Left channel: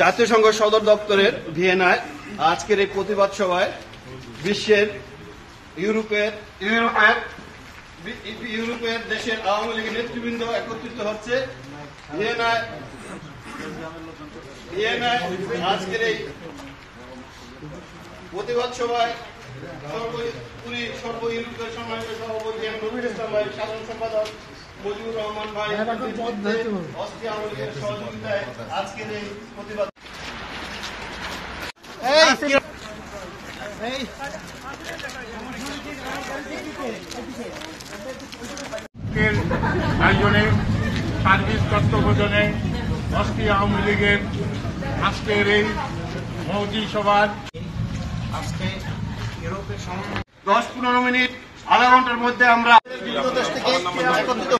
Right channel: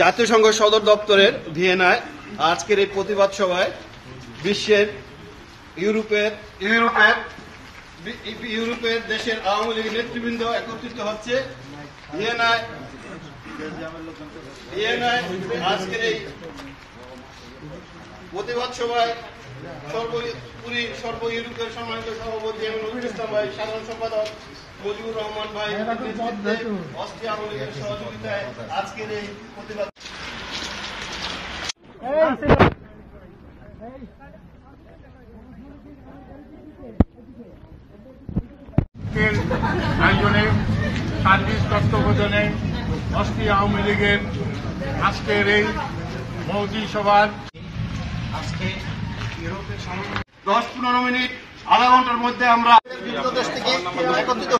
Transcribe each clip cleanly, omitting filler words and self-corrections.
জাতিসংঘ সদর দপ্তরের ভিয়েনায় আজকের এই প্রতিবাদ সভায় বিশ্বের ইউরোপের দেশের আওয়ামী লীগের নেতৃবৃন্দ একত্রিত হচ্ছে। ভিয়েনায় আজকের এই প্রতিবাদ সভায় সর্ব ইউরোপের সম্মানিত সভাপতি নজরুল ইসলাম ভাই, সাধারণ সম্পাদক মুজিবুর রহমান ভাই, অস্ট্রিয়া আওয়ামী লীগের সহযোগিতায় আজকের এই প্রতিবাদ আয়োজনে সার্ভিস তত্ত্বাবধানে অস্ট্রিয়া আওয়ামী লীগের আজকের এই মৌজি সভার আজকে ইউরোপের 10-15 মিনিট আধা ঘন্টার মধ্যে আমরা বিভিন্ন দেশ থেকে একত্রিত।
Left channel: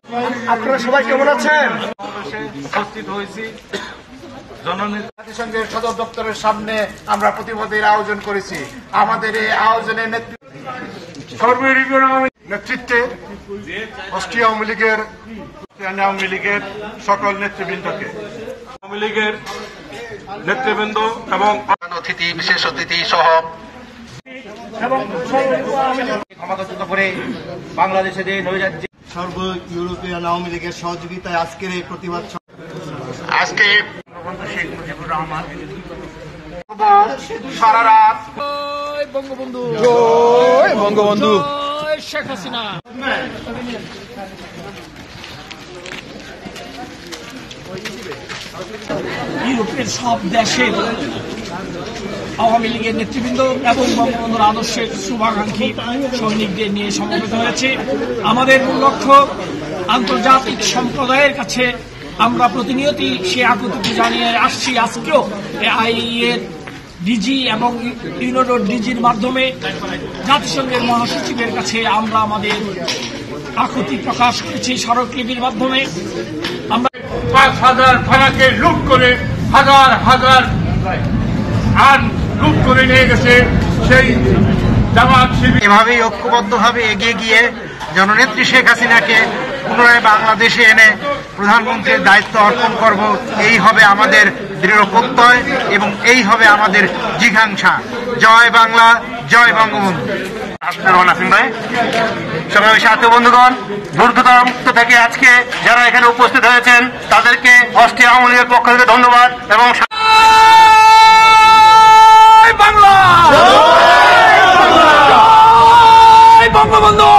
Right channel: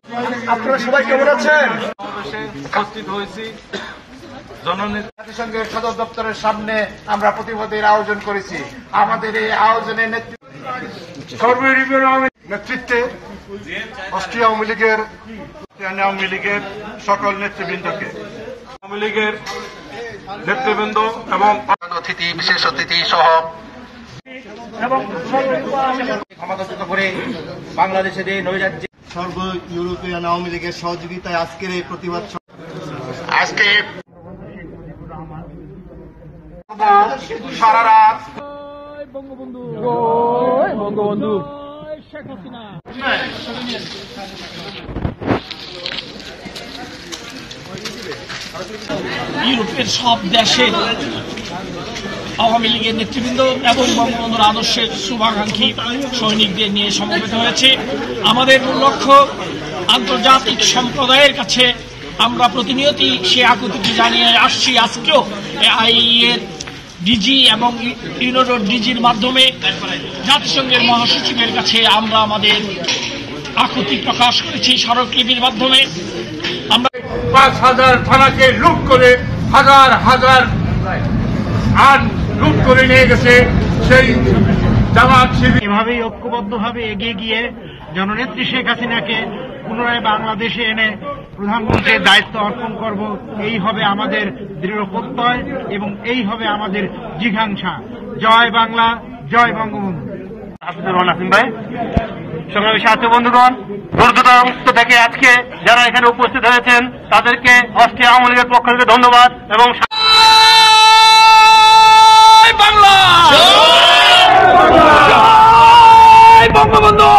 আপনারা সবাই কেমন আছেন? সমাবেশে উপস্থিত হয়েছি। জাতিসংঘের সদর দপ্তরের সামনে আমরা প্রতিবাদের আয়োজন করেছি। আমাদের এই আয়োজনের নেতৃত্বে অস্ট্রিয়া আওয়ামী লীগের সকল নেতৃবৃন্দকে, আওয়ামী লীগের নেতৃবৃন্দ এবং অতিথি, বিশেষ অতিথি সহ ক্ষমতাচ্যুত করে বাংলাদেশে যে নৈরাজ্য সর্ব ইউরোপিয়ান আওয়ামী লীগের সহযোগিতায় আজকের এই প্রতিবাদ আজকে শেখ মুজিবুর রহমান সারা রাত বঙ্গবন্ধু শেখ হাসিনা। ইউরোপের সব দেশে আওয়ামী লীগের নেতৃবৃন্দ এবং বঙ্গবন্ধুর আদর্শের শুভাকাঙ্ক্ষী সৈনিকদের নিয়ে সমবেত হয়েছে। আমাদের মূল লক্ষ্য আন্তর্জাতিক সম্প্রদায়ের কাছে আমরা প্রতিনিয়তই সে আকুতি জানিয়ে আসছি। আজকেও আইএর ডিজি এবং ইউনোডোর ডিজির মাধ্যমে জাতিসংঘের মহাসচিবের কাছে আমরা আমাদের আকুতি প্রকাশ করেছি স্মারকলিপির মাধ্যমে। আমরা 5,000 থানাকে লুট করে হাজার হাজার আইন লুট করে নিয়ে গেছে সেই জামাত শিবির। এভাবেই ঐক্যবদ্ধভাবে এগিয়ে গিয়ে জননেত্রী শেখ হাসিনাকে পুনরায় বাংলাদেশে এনে প্রধানমন্ত্রীর দায়িত্ব অর্পণ করব, এই হবে আমাদের দৃঢ় প্রত্যয় এবং এই হবে আমাদের জিঘাংসা। জয় বাংলা, জয় বঙ্গবন্ধু। নাসিম ভাই, সমাবেশে সাথী বন্ধুগণ, দুর্গত থেকে আজকে যারা এখানে উপস্থিত হয়েছেন তাদেরকে অস্ট্রিয়া আওয়ামী লীগের পক্ষ থেকে ধন্যবাদ এবং বাংলা বঙ্গবন্ধু।